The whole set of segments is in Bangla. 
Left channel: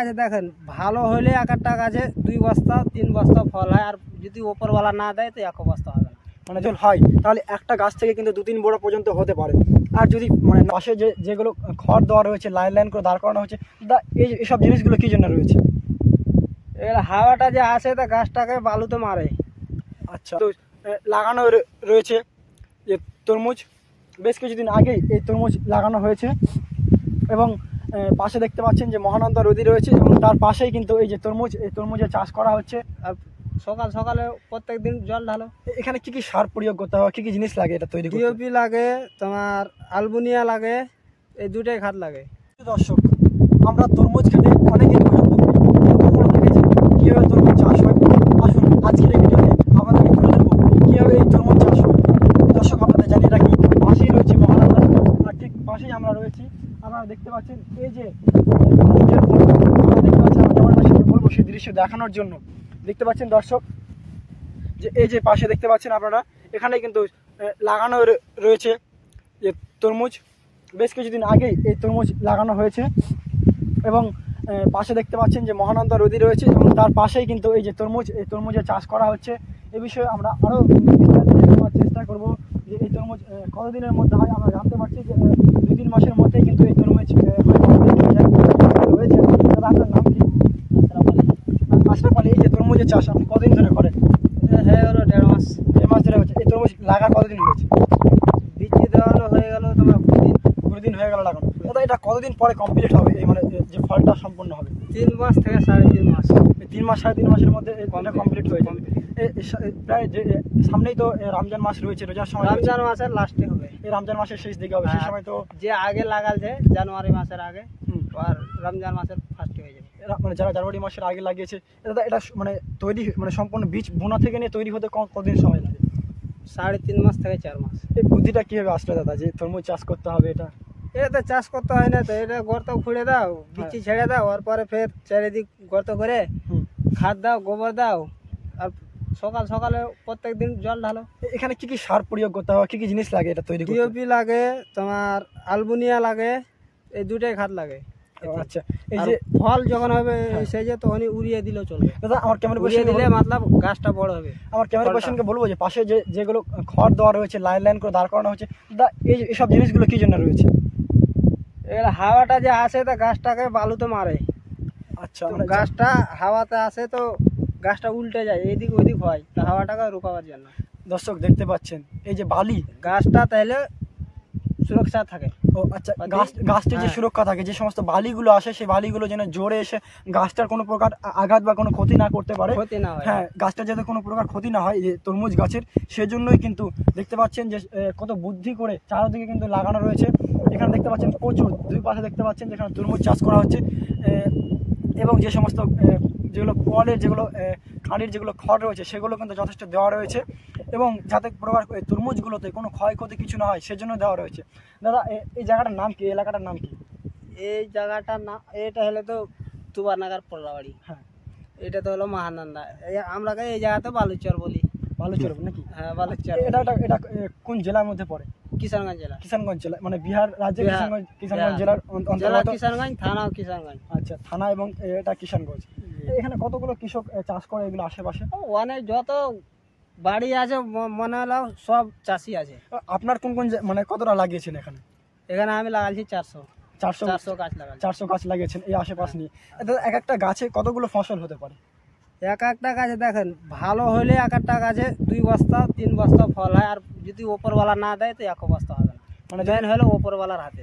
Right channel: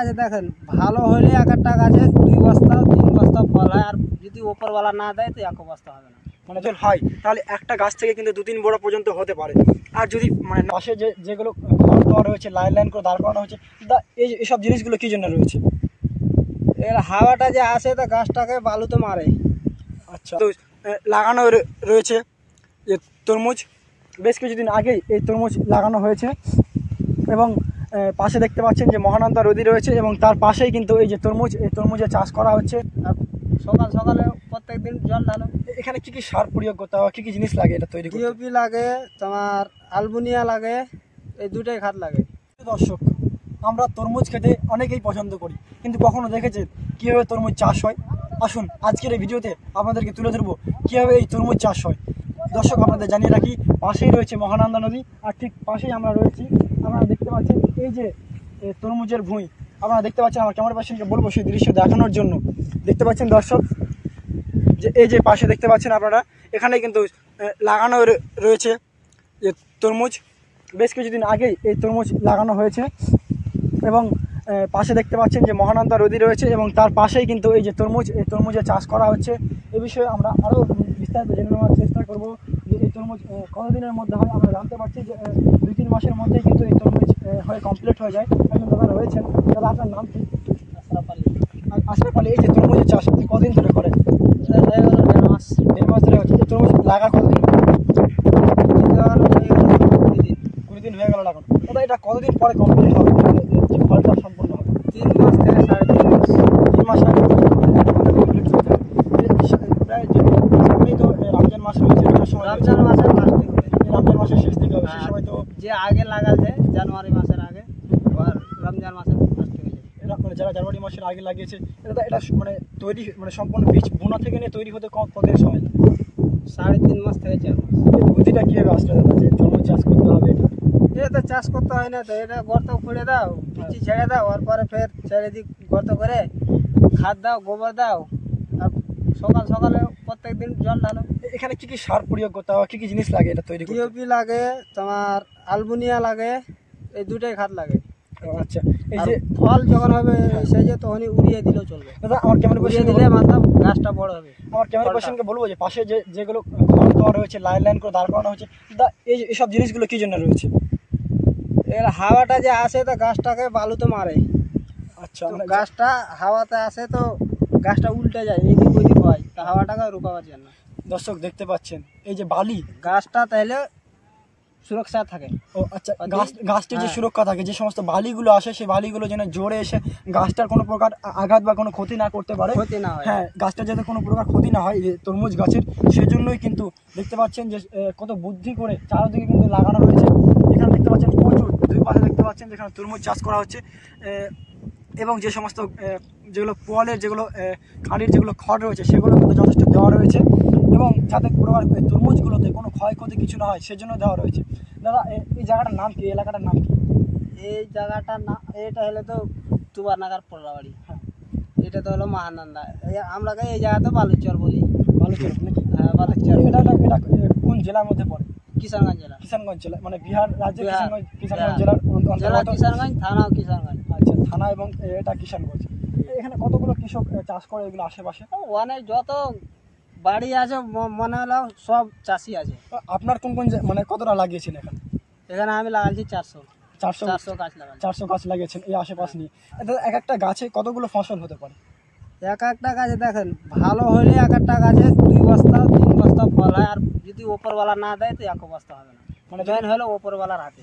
গাছে দেখেন ভালো হলে এক একটা গাছে 2 বস্তা 3 বস্তা ফল হয়, আর যদি ওপরওয়ালা না দেয় তো 1 বস্তা হবে না। মানে যদি হয় তাহলে একটা গাছ থেকে কিন্তু 2-3 বড় পর্যন্ত হতে পারে। আর যদি মানে পাশে যেগুলো খড় দেওয়া রয়েছে, লাইন লাইন করে দাঁড় করানো হচ্ছে, এইসব জিনিসগুলো কী জন্য রয়েছে? এর হাওয়াটা যে আসে তা গাছটাকে বালুতে মারে। আচ্ছা, তো লাগানো রয়েছে যে তরমুজ, বেশ কিছুদিন আগেই এই তরমুজ লাগানো হয়েছে এবং পাশে দেখতে পাচ্ছেন যে মহানন্দা নদী রয়েছে এবং তার পাশেই কিন্তু এই যে তরমুজের চাষ করা হচ্ছে। আর সকাল সকালে প্রত্যেক দিন জল ঢালো। এখানে কি কি সার প্রয়োগ করতে হবে, কি কি জিনিস লাগে এটা তৈরি করতে? ডিওপি লাগে, তোমার আলবুনিয়া লাগে, এই দুটোই খাত লাগে। দর্শক, আমরা তরমুজ খেতে অনেকেই পছন্দ করি, কিন্তু কখনো দেখেছেন কীভাবে তরমুজ চাষ হয়? আসুন আজকের এই ভিডিওতে আপনাদেরকে তুলে ধরবো কীভাবে এই তরমুজ চাষ হয়। দর্শক, আপনাদের জানিয়ে রাখি পাশেই রয়েছে মহানন্দা নদী, আর ঠিক পাশেই আমরা রয়েছি। আপনারা দেখতে পাচ্ছেন এই যে তরমুজের ফুল, আপনারা দেখতে পাচ্ছেন, আমার গ্রামবাসীকে বলবো সেই দৃশ্য দেখানোর জন্য। দেখতে পাচ্ছেন দর্শক যে এই যে পাশে দেখতে পাচ্ছেন আপনারা, এখানে কিন্তু লাগানো রয়েছে যে তরমুজ, বেশ কিছুদিন আগেই এই তরমুজ লাগানো হয়েছে এবং পাশে দেখতে পাচ্ছেন যে মহানন্দা নদী রয়েছে এবং তার পাশেই কিন্তু এই যে তরমুজের চাষ করা হচ্ছে। এ বিষয়ে আমরা আরও বিস্তারিত জানার চেষ্টা করব যে এই তরমুজ কতদিনের মধ্যে হয়। আমরা জানতে পারছি যে 2-3 মাসের মধ্যেই কিন্তু এই তরমুজ কমপ্লিট হয়ে যায় রয়েছে। তাহলে আপনার নাম কি? আশরাফ আলী। এই যে তরমুজের চাষ আপনি কতদিন ধরে করেন? হয়ে গেল 1.5 মাস। 1.5 মাস ধরে হচ্ছে। এই তরমুজ লাগা কতদিন হচ্ছে? হয়ে গেল 20 দিন হয়ে গেল লাগানো। এটা কতদিন পরে কমপ্লিট হবে, মানে যে ফলটা সম্পূর্ণ হবে? 3 মাস থেকে 3.5 মাস। 3 মাস 3.5 মাসের মধ্যে ফলটা কমপ্লিট হয়ে যাবে। প্রায় যে সামনেই তো রমজান মাস রয়েছে, এটার সময় রমজান মাসের লাস্টে হবে। রমজান মাসের শেষ দিকে হবে, সেই সময় তো যে আগে লাগাছে জানুয়ারি মাসের আগে, আর রমজান মাসের ফার্স্টে হয়ে যাবে। মানে যারা জানুয়ারি মাসের আগে লাগিয়েছে, এটা মানে তৈরি মানে সম্পূর্ণ বীজ বোনা থেকে নিয়ে তৈরি হতে কতদিন সময় লাগে? 3.5 মাস থেকে 4 মাস। এই বুদ্ধিটা কীভাবে আসলে দাদা যে তরমুজ চাষ করতে হবে? এটা তো চাষ করতে হয় না তো, এটা গর্ত খুঁড়ে দাও, বিচি ছেড়ে দাও, ওর পরে ফের চারিদিক গর্ত করে খাদ দাও, গোবর দাও, আর সকাল সকালে প্রত্যেক দিন জল ঢালো। এখানে কি কি সার প্রয়োগ করতে হবে, কি কি জিনিস লাগে এটা তৈরি করতে? ডিওপি লাগে, তোমার আলবুনিয়া লাগে, এই দুটোই খাত লাগে। আচ্ছা, এই যে ফল যখন হবে সেই যে তখনই উড়িয়ে দিলেও চলবে। দাদা, আমার ক্যামেরা উড়িয়ে দিলে মাথা গাছটা বড় হবে। আমার ক্যামেরা পার্সনকে বলবো যে পাশে যেগুলো খড় দেওয়া রয়েছে, লাইন লাইন করে দাঁড় করানো হচ্ছে, এইসব জিনিসগুলো কী জন্য রয়েছে? এর হাওয়াটা যে আসে তা গাছটাকে বালুতে মারে। আচ্ছা, গাছটা হাওয়াতে আসে তো গাছটা উল্টে যায়, এইদিক ওইদিক হয়, তা হাওয়াটাকে রুকাবার জন্য। দর্শক দেখতে পাচ্ছেন এই যে বালি, গাছটা তাহলে সুরক্ষা থাকে। ও আচ্ছা, গাছটির যে সুরক্ষা থাকে, যে সমস্ত বালিগুলো আসে সেই বালিগুলো যেন জোরে এসে গাছটার কোনো প্রকার আঘাত বা কোনো ক্ষতি না করতে পারে, ক্ষতি না হয়। হ্যাঁ, গাছটার যাতে কোনো প্রকার ক্ষতি না হয় যে তরমুজ গাছের, সেজন্যই কিন্তু দেখতে পাচ্ছেন যে কত বুদ্ধি করে চারদিকে কিন্তু লাগানো রয়েছে। এখানে দেখতে পাচ্ছেন প্রচুর, দুই পাশে দেখতে পাচ্ছেন যেখানে তরমুজ চাষ করা হচ্ছে এবং যে সমস্ত যেগুলো পোয়ালের খাঁড়ির যেগুলো খড় রয়েছে সেগুলো কিন্তু যথেষ্ট দেওয়া রয়েছে এবং যাতে প্রকার তরমুজগুলোতে কোনো ক্ষয়ক্ষতি কিছু না হয় সেজন্য দেওয়া রয়েছে। দাদা, এই জায়গাটার নাম কি, এলাকাটার নাম কি? এই জায়গাটার নাম, এটা হলো তো তুবারনাগার পোল্লাবাড়ি। হ্যাঁ, এটা তো হলো মহানন্দা। আমরা এই জায়গাতে বালুচর বলি। বালুচর নাকি? হ্যাঁ, বালুচর। এটা কোন জেলার মধ্যে পড়ে? কিষানগঞ্জ জেলা। কিষানগঞ্জ জেলা, মানে বিহার রাজ্যের কিষানগঞ্জ জেলার জেলা কিষানগঞ্জ, থানাও কিষানগঞ্জ। আচ্ছা, থানা এবং এটা কিষানগঞ্জ। এখানে কতগুলো কৃষক চাষ করে এগুলো আশেপাশে? অনেক, যত বাড়ি আছে মনে হলো সব চাষি আছে। আপনার কোন কোন মানে কতটা লাগিয়েছেন এখানে? এখানে আমি লাগাচ্ছি 400 গাছ লাগাচ্ছি। 400 গাছ লাগিয়েছেন এই আশেপাশ নিয়ে। এক একটা গাছে কতগুলো ফসল হতে পারে? এক একটা গাছে দেখেন ভালো হলে এক একটা গাছে 2 বস্তা 3 বস্তা ফল হয়, আর যদি ওপরওয়ালা না দেয় তো 1 বস্তা হবে না। মানে জয়েন হলো ওপরওয়ালার হাতে।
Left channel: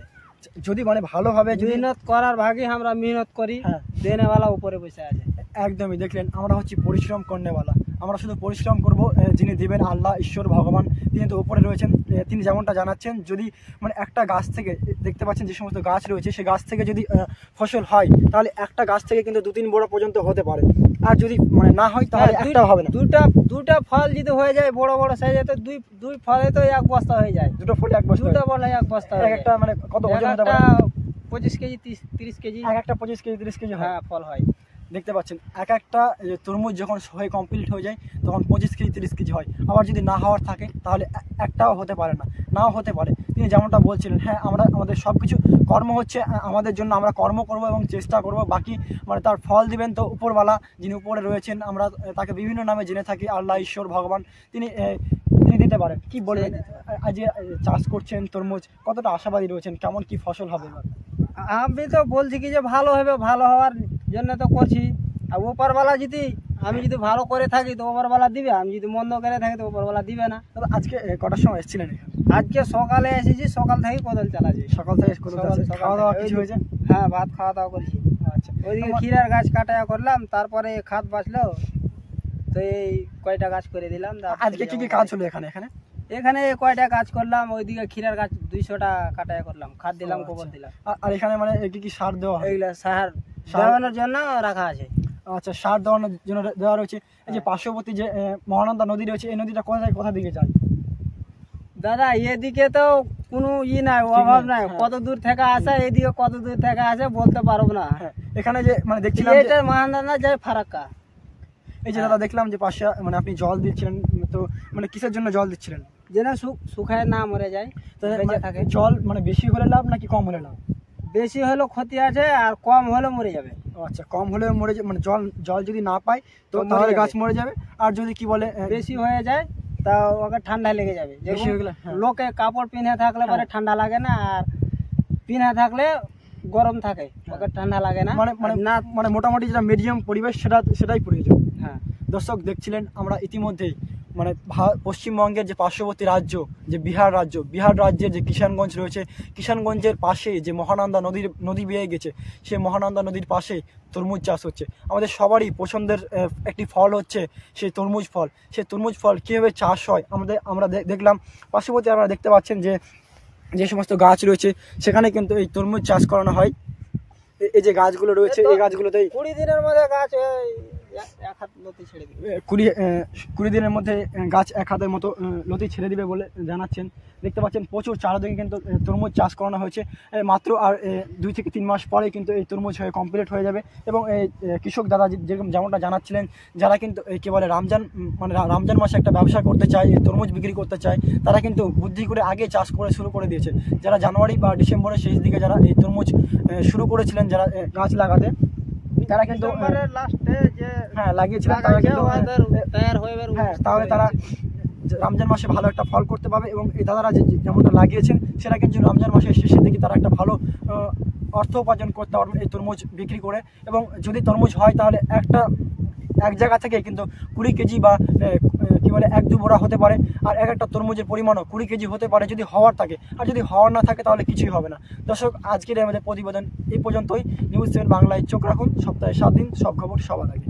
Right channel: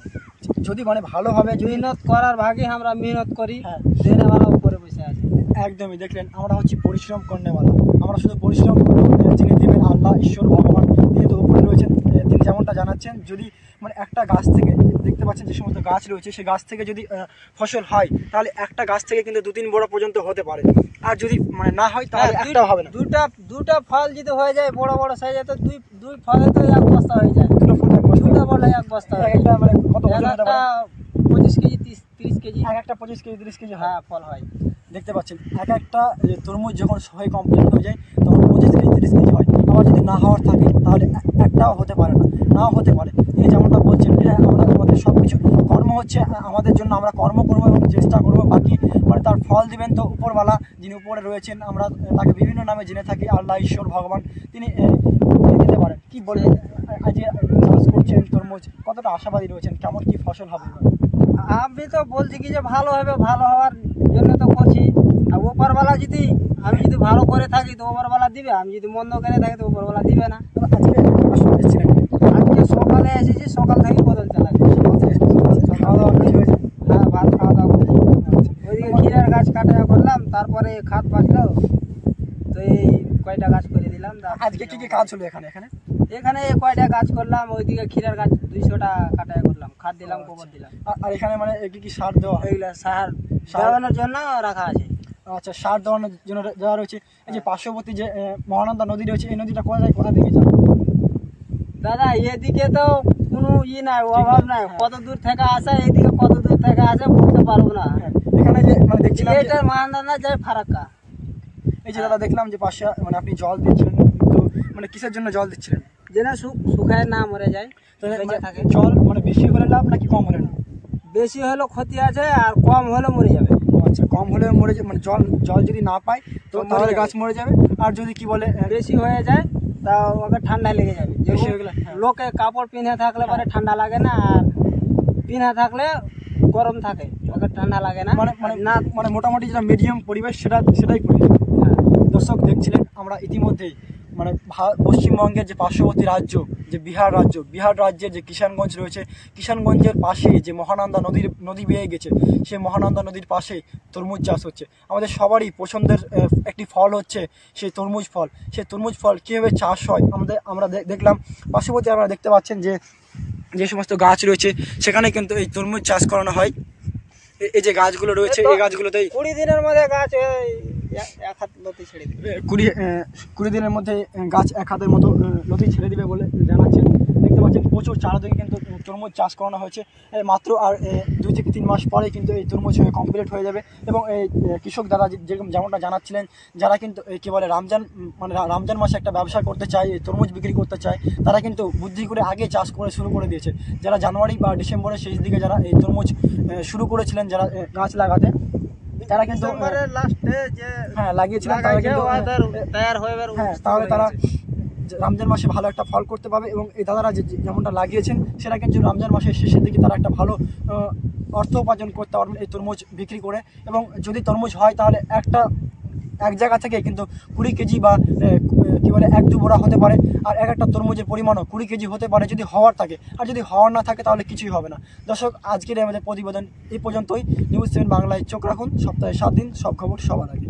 যদি মানে ভালোভাবে মেহনত করার ভাগে আমরা মেহনত করি, হ্যাঁ, দেনেওয়ালা উপরে বসে আছে। একদমই, দেখলেন আমরা হচ্ছি পরিশ্রম করনেওয়ালা। আমরা শুধু পরিশ্রম করবো, যিনি দেবেন আল্লাহ, ঈশ্বর, ভগবান, তিনি তো উপরে রয়েছেন। তিনি যেমনটা জানাচ্ছেন, যদি মানে একটা গাছ থেকে দেখতে পাচ্ছেন যে সমস্ত গাছ রয়েছে সেই গাছ থেকে যদি ফসল হয় তাহলে একটা গাছ থেকে কিন্তু 2-3 বড় পর্যন্ত হতে পারে। আর যদি মানে না হয় তাহলে একটা হবে না। দুটা ফল যদি হয়ে যায় বড় বড় সাইজে, তো দুই ফলে তো 1 বস্তা হয়ে যায়। দুটো ফুল 1 বস্তা, দুটো বলে 1 বস্তা। একটা মানে কত ওজন হতে পারে? 25 কেজি 30 কেজি। একটা 25 কেজি 30 কেজি, হ্যাঁ, ফল হয়। দেখতে পাচ্ছেন একটা তরমুজ যখন হয়ে কমপ্লিট হয়ে যায় তখন 25 কেজি 30 কেজি হয়। আবার যদি না হওয়ার থাকে তাহলে একটাও হতে পারে না, নাও হতে পারে। তিনি যেমনটা বলছেন, হ্যাঁ, আমাদের সব কিছু কর্ম হচ্ছে আমাদের জন্য, আমরা কর্ম করব এবং চেষ্টা করব, বাকি মানে তার ফল দিবেন তো উপরওয়ালা, যিনি উপরে রয়েছেন, আমরা তাকে বিভিন্ন নামে জেনে থাকি, আল্লাহ, ঈশ্বর, ভগবান, তিনি দিতে পারেন। কি বলবেন, আজকে চাষ করছেন তরমুজ, কতটা আশাবাদী রয়েছেন, কেমন কি ফসল হবে এবার? আমি তো বলছি কি যে ভালো হবে, ভালো হওয়ার জন্য তো করছি। আর ওপরওয়ালা যদি, আমি যদি ভালো করে থাকি তো ওপরওয়ালা দিবে, আমি যদি মন্দ করে থাকি তো ওপরওয়ালা দিবে না। তবে আজকে কটার সময় এসেছিলেন? আজকে সকালে এসেছি, সকাল থেকেই বদল চালাচ্ছি। সকাল থেকে খাওয়া দাওয়া কিছু হয়েছে? হ্যাঁ, ভাত খাওয়া দাওয়া করেছি। আচ্ছা, ওইদিকে ক্ষীরার গাছ কাটায়া করলাম, তারপরে খাদ বাঁচলো তো এই কয়টা গাছ করে দিলাম। আজকে কি কি কাজ হলো এখানে? এখানে কয়টা গাছ করলাম, ওইদিকে ক্ষীরার গাছ 200টা কাটায়া করলাম, খাদ দিলাম, গোবর দিলাম। আর এখানে মানে কি কি সার দেওয়া হয়? ওইগুলো সার দেওয়ানোর জন্য রাখা আছে। আচ্ছা, সার দেওয়ানোর জন্য দেওয়া রয়েছে। এই যে পার্শ্ববর্তী যে মহানন্দা নদী রয়েছে, এই নদীটা কোথা দিকে যায়? দাদা এদিকে তো কোনো নাই, অভাব নাই, কত দূর থেকে আসে, এইদিকে কত দূর থেকে আসে বলতে পারবো না। এখানে যে মানে দেখছিলাম এটা মহানন্দা যায় ফারাক্কা। এই যে দাদা দেখলাম যে পাশে মানে আপনি জল দিচ্ছিলেন, তো মানে কিসের জন্য জল দিচ্ছিলেন? যেন শুকায় না মরে যায়, তো বেঁচে থাকে। জল মানে বেশি হলে লাভ নাকি কম হলে লাভ? বেশি হলে ক্ষতি আছে, আর কম হলে মরে যাবে। আচ্ছা, কম হলে মরে যাবে, মানে জল যদি না পায় তো তাহলে গাছ মরে যাবে। আর যদি কি বলে বেশি হয়ে যায় তা ওকে ঠান্ডা লেগে যাবে। বেশি হয়ে গেলে লোকে কাপড় পিনে থাকলে পরে ঠান্ডা লাগে না, আর পিনে থাকলে গরম থাকে, ওকে ঠান্ডা লাগে না। মানে মোটামুটি যেটা মিডিয়াম পরিবেশ সেটাই পরিবেশ। দর্শক দেখছিলেন আমরা ইতিমধ্যেই মানে পশ্চিমবঙ্গের যে পার্শ্ববর্তী রাজ্য যে বিহার রাজ্যের যে কিষানগঞ্জ রয়েছে, কিষানগঞ্জের পাশে যে মহানন্দা নদী বেয়ে গেছে, সেই মহানন্দা নদীর পাশে তরমুজ চাষ হচ্ছে। আমাদের সবারই পছন্দের একটি ফল হচ্ছে সেই তরমুজ ফল। সেই তরমুজ ফল কীভাবে চাষ হয় আমরা দেখলাম। পার্শ্ববর্তী আপনারা দেখতে পাচ্ছেন যে সমস্ত গাছ রয়েছে সেখানে কিন্তু এই তরমুজ চাষ করানো হয়। এই যে গাছগুলো রয়েছে, এই গাছগুলোতেই 20 দিনের মধ্যে গাছ এক হাত লতি ছেড়ে দিবে। 20 দিনের মধ্যে গাছ এক হাতের মতো লতি ছেড়ে দিবে বলে জানাচ্ছেন। দেখতে পাচ্ছেন প্রচুর চারদিকে কিন্তু তরমুজ চাষ করানো হয়েছে। মাত্র আর 2 থেকে 3 মাস পরে কিন্তু এই তরমুজ কমপ্লিট হয়ে যাবে। এবং এই কৃষক দাদা যেমনটা জানাচ্ছিলেন, যারা কিন্তু কী বলে রমজান মাসে একটা ব্যবসা করতে চায়, এই তরমুজ বিক্রি করতে চায়, তারা কিন্তু বুদ্ধি করে আগে চাষ করে শুরু করে দিয়েছে। যারা জানুয়ারি বা ডিসেম্বরের শেষ দিকে যারা এই তরমুজ শুরু করেছিলেন, যারা গাছ লাগাতে, তারা কিন্তু লাগিয়েছিলেন, তারা কিন্তু তাহলে তারা রমজান মাসে ভালো একটা ফল করতে পারবে। এবং এই দাদারা যেমনটা লাগিয়েছেন সেটা কিন্তু রমজান মাসের শেষের দিকে তারা একটা ভালো অর্থ উপার্জন করতে পারবেন এই তরমুজ বিক্রি করে। এবং যদি তরমুজ হয় তাহলে এক জায়গা থেকে কিন্তু 20 কেজি বা কী বলে 1-2 বোরা হতে পারে। আর একটা তরমুজের পরিমাণও 20 কেজি হতে পারে যদি হওয়ার থাকে। আর যদি হওয়ার না থাকে তাহলে কিছুই হবে না। দর্শক, আজকের আমাদের প্রতিবেদন এই পর্যন্তই। নিউজ 7 বাংলায় চোখ রাখুন, সপ্তাহে 7 দিন, সব খবর সবার আগে।